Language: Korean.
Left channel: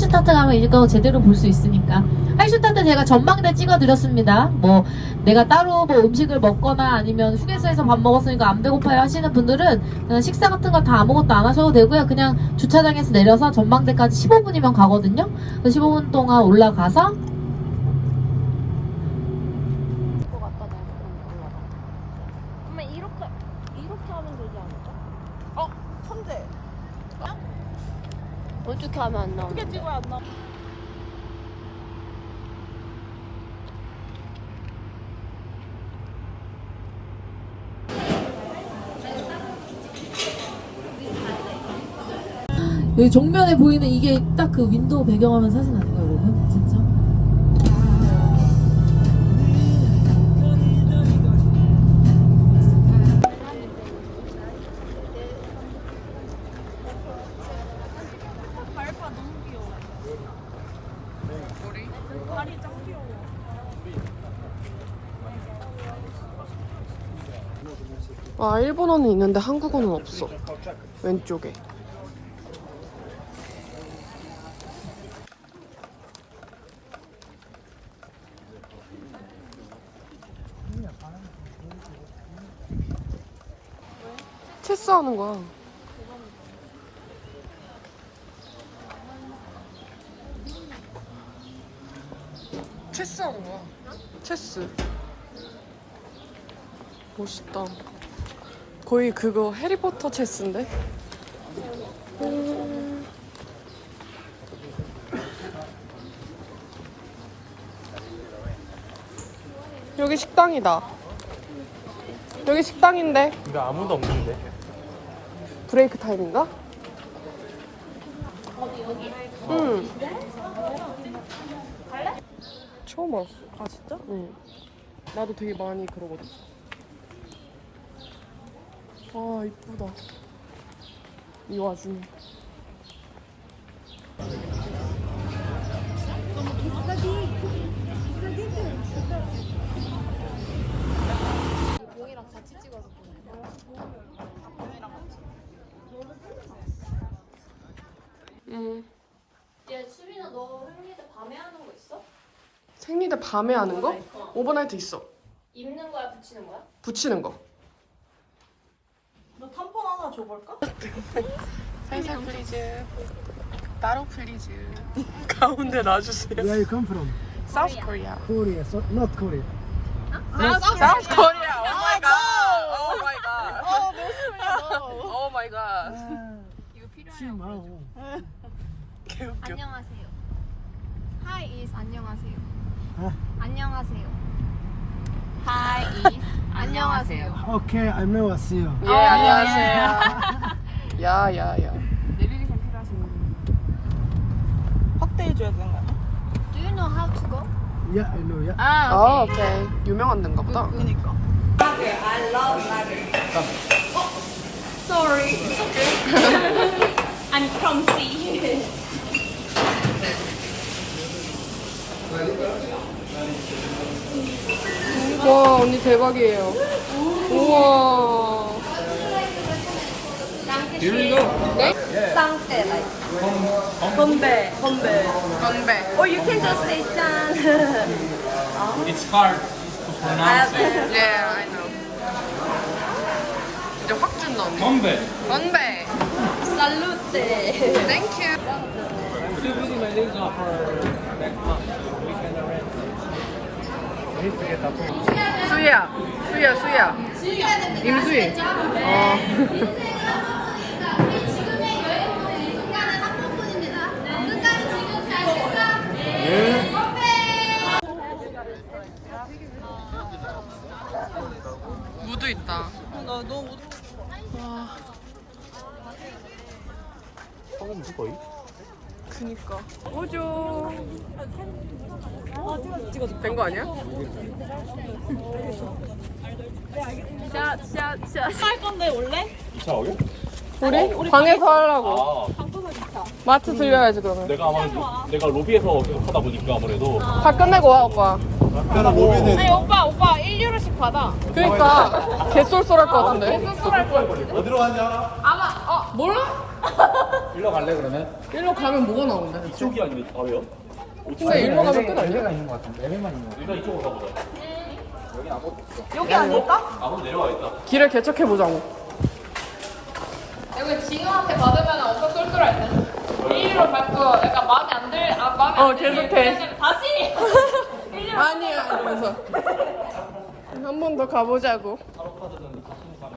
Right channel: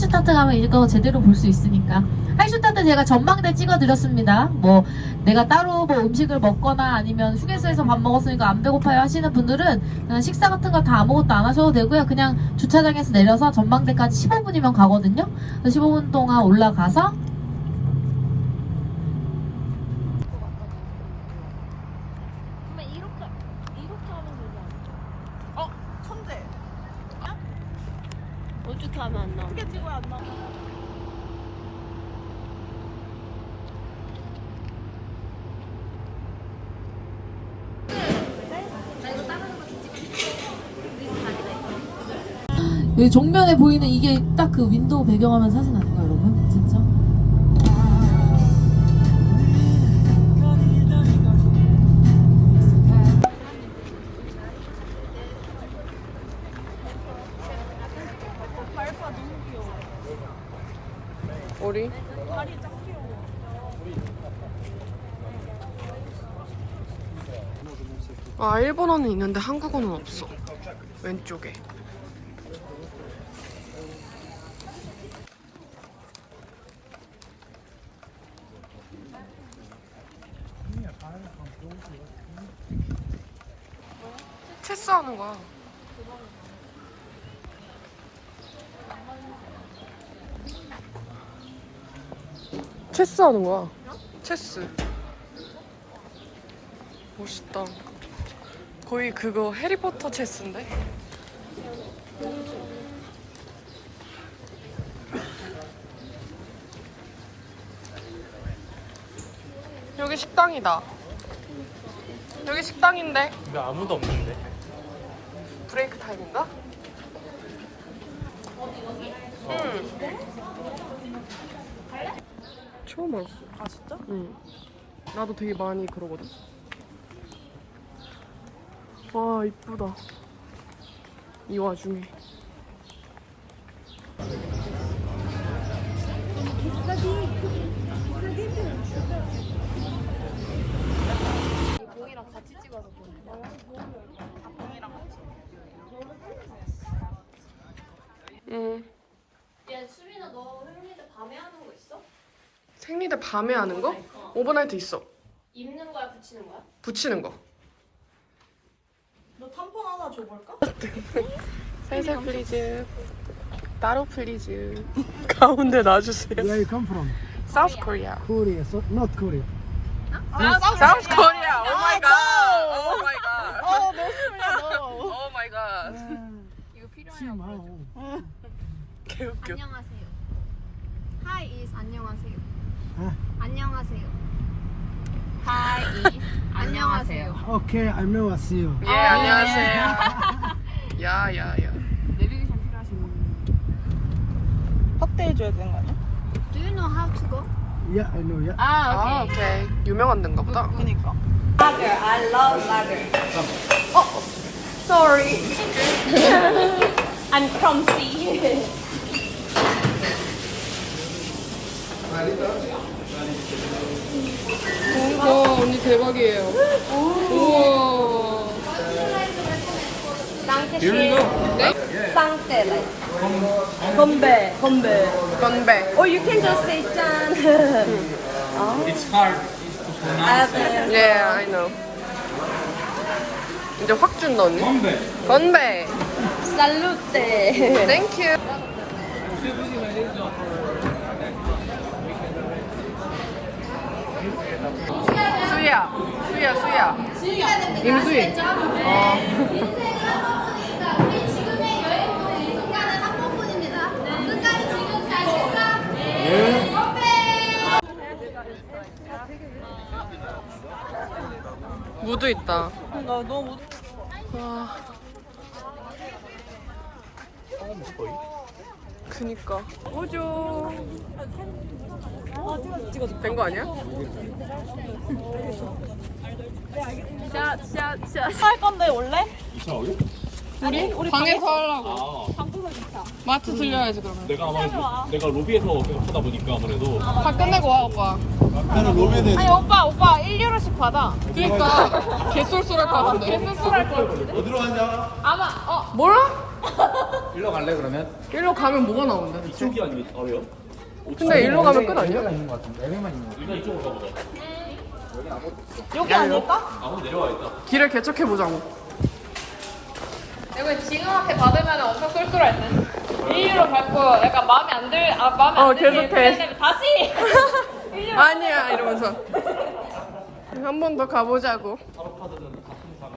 하이슈타트 가면 이거 제대로 볼 수 있으니까. 하이슈타트 제가 전망대 찍어드렸습니다. 뭐 내가 따로 뭐 음식을 먹거나 아니면 휴게소에서 밥 먹었으니까 안 배고파요 하시는 분들은 그냥 식사 같은 거 다 아무것도 안 하셔도 되고요. 그냥 주차장에서 내려서 전망대까지 15분이면 가거든요. 그래서 15분 동안 올라가서 엄마 이렇게 이렇게 하면 되지 않을까? 어? 천재. 어떻게 하면 안 나오는 어떻게 찍어야 안 나와? 여기 정면에 보이는 이게 딱 그 윈도우 배경화면 사진 아닌가요, 아 일본어는 있는데 한국어는 없어. 왼쪽에. 체스 하는 거야. 체스 하는 거야. 체스. 멋있다 거의 그거 해리포터 체스인데? 음. 여기 식당이다. 여기 식당인데 근데 아무도 없는데. 브레이크 타임인가? 응. 처음 알았어. 아 진짜? 응. 나도 되게 많이 그러거든. 와 이쁘다. 이 와중에. 응. 얘 수민아 너 생리대 밤에 하는 거 있어? 생리대 밤에 하는 거? 오버나이트 있어. 입는 거야 붙이는 거야? 붙이는 거. 하나 줘볼까? 살살 플리즈. 따로 플리즈. 가운데 놔주세요. Where you come from? South Korea. Korea, so not Korea. South Korea. Oh my god. Oh my god. Oh my god. 이거 필요하냐고 심하고. 개웃겨. 안녕하세요 Hi is 안녕하세요 아. 안녕하세요 Hi is 안녕하세요 Okay, 안녕하세요. 예, 안녕하세요. 야, 야, 야. 확대해줘야 되는 거야. Do you know how to go? Yeah, I know. Yeah. 아 아, 오케이. 유명한 데인가 보다. 그니까. Sorry I'm clumsy 와, 언니 대박이에요. 우와. Here we go. Sunset 건배, 건배. 건배. Or you can just say 짠 It's hard to pronounce it. Yeah, I know. 이제 확 준다, 언니. 건배. 건배. Salute Thank you. 수야. 수야, 수야. 임수희. 어. 무도 있다. 나 너무 와. 거의? 그니까. 오죠. 된 거 아니야? 샷 샷 샷 할 건데 원래? 2차 오게? 우리? 방에서 하려고. 아, 마트 들려야지 그러면. 내가 아마 내가 로비에서 계속 하다 보니까 아무래도 다 끝내고 와 오빠. 나는 로빈에 아니 오빠 오빠 1유로씩 바다. 그러니까 개쏠쏠할 것 같은데. 어디로 가냐? 아마 어 뭐라? 일로 갈래 그러면? 일로 가면 뭐가 나오는데? 이쪽이 아니면 아 왜요? 근데 일로 가면 끝 아니야? 있는 것 같은데. 애매만 있는 것 같아. 일단 이쪽으로 가보자. 여기 아무것도 없어. 여기 아닐까? 아무 내려가겠다. 길을 개척해 보자고. 이거 지금 앞에 받으면 엄청 꿀꿀할 때. 일리로 밟고 약간 마음에 안 들, 아, 마음에 어, 안 들면 계속해. 다시! 아니야 이러면서 한 번 더 가보자고.